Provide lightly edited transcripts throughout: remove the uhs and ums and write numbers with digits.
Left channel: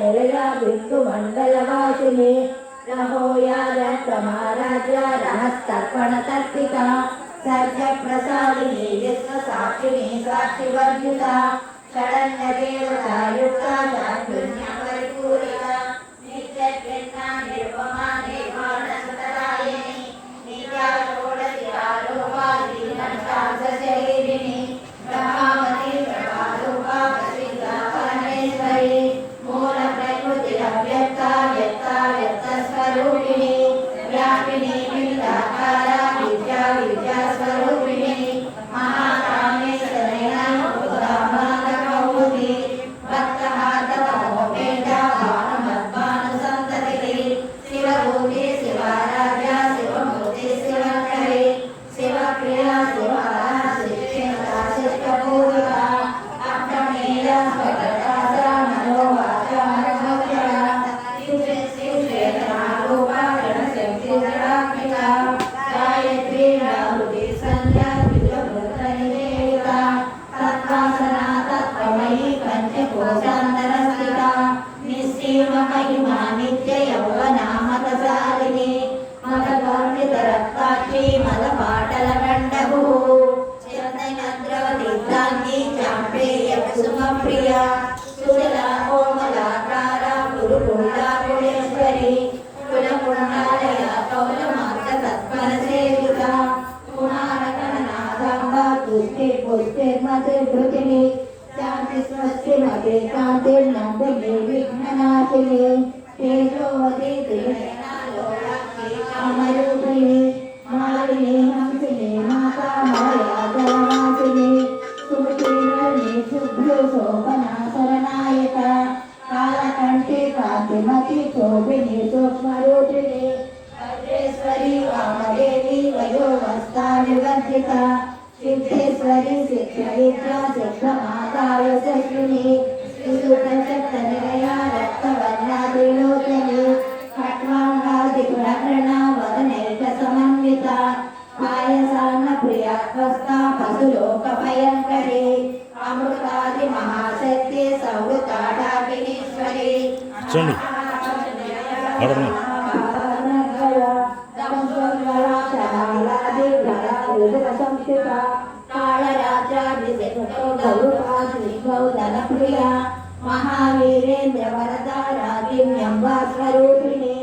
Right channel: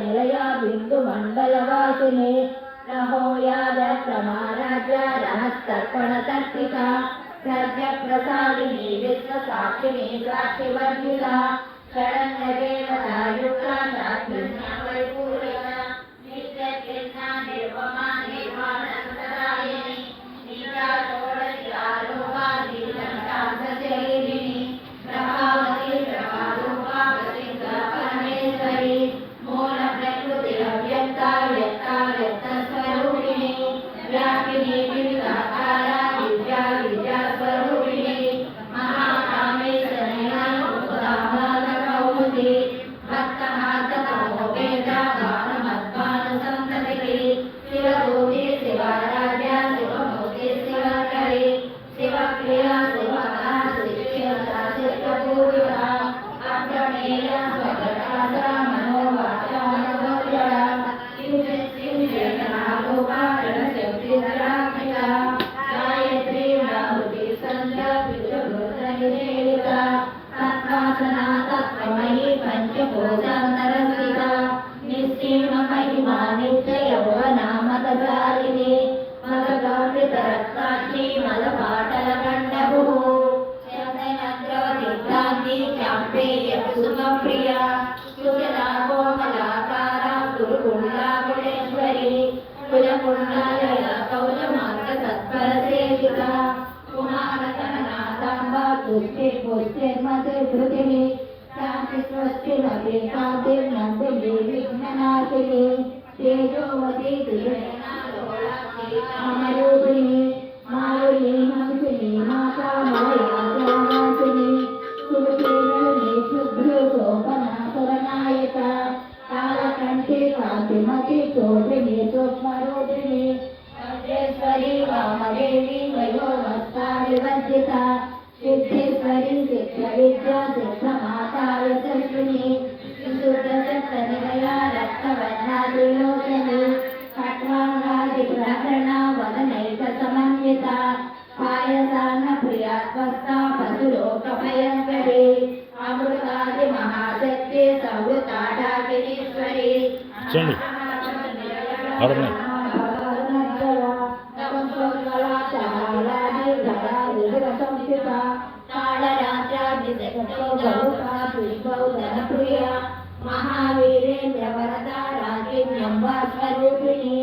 निलया बिंदु मंडलवासिनी रहोया रत्नमाराध्या रहस्तर्पण तर्पिका सर्ज प्रसादिनी विश्व साक्षिणी साक्षिवर्जिता शरण्य देवता युक्ता चातुर्य परिपूरिता नित्य कृष्णा निरुपमा निर्वाण सुतरायिनी नीता षोडशी आरूपा दीननाथशरीरिणी प्रभावती प्रभारूपा प्रसिद्धा परमेश्वरी मूल प्रकृति अव्यक्ता व्यक्ता व्यक्त स्वरूपिणी व्यापिनी विविधाकारा विद्या विद्या स्वरूपिणी महाकामेश्वरी उदाहरणकौमुदी भक्तहार्दतमो वेद भानुमद्भानुसन्ततिः शिवभूमि शिवाराध्या शिवमूर्ति शिवकरी शिवप्रिया शिवाला शिष्यता शिष्टपूजिता अप्रमेया स्वप्रकाशा मनोवाचा मनोज्वला शिवक्षेत्ररूपा रणशक्तिधरात्मिका गायत्री व्याहृति संध्या विष्णुमूर्तनिदेविता तत्वासना तत्त्वमयी पंचकोशान्तरस्थिता निश्चीम महिमा नित्य यौवना मतसालिनी मलगौरितरक्ताक्षी मलपाटलगण्डभुः चन्दनद्रवतीर्थाङ्गी चाम्पेय कुसुमप्रिया सुजला कोमलाकारा गुरुकुण्डा गुणेश्वरी कुलकुण्डालया कौलमार्गतत्परसेविता कुमारकरनाथाम्बा तुष्टे पुष्टे मतिर्भृतिनी शान्ति स्वस्ति मते कान्तिर्नन्दिनी विघ्ननाशिनी तेजोवती त्रिनयना लोलाक्षी कामरूपिणी मालिनी हंसिनी माता माया जलवासिनी सुमतीर्णी शुभ्रो शोभना शरणायता कालकण्ठी कान्तिमती शोभिनी सूक्ष्मरूपिणी वज्रेश्वरी वामदेवी वयोवस्था विवर्जिता सिद्धेश्वरी शिक्षविद्या शिक्षमाता यशस्विनी शिशुकञ्चत्तनिलया रक्तवर्णा त्रिलोचनी खट्वाङ्गादिग्रहणा वदनैकसमन्विता पायसान्नप्रिया त्वस्ता पशुलोकभयङ्करी अमृतादिमहाशक्ति संवृताडाकिनीश्वरी कालरात्राभिषेकौधनप्रिया महावीरेन्द्र वरदा रागिण्यम्बा स्वरूपिणी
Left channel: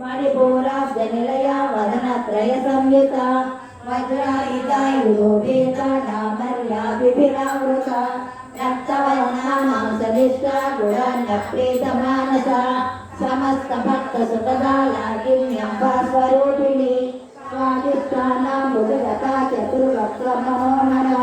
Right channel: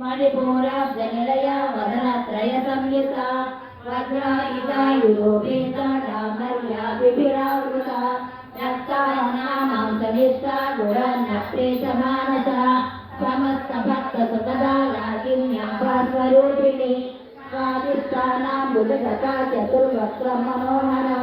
मणिपूराब्जनिलया वदनत्रय संयुता वज्रायुधा युरोपेता डामर्या विभिन्नावृता रक्तवर्णा मांसनिष्ठा गुणान्नप्रीतमानसा समस्त भक्तसुतदा लागिण्यम्बा स्वरूपिणी स्वादिष्टानां बुधगता चतुर्वक्त्र मनोहरा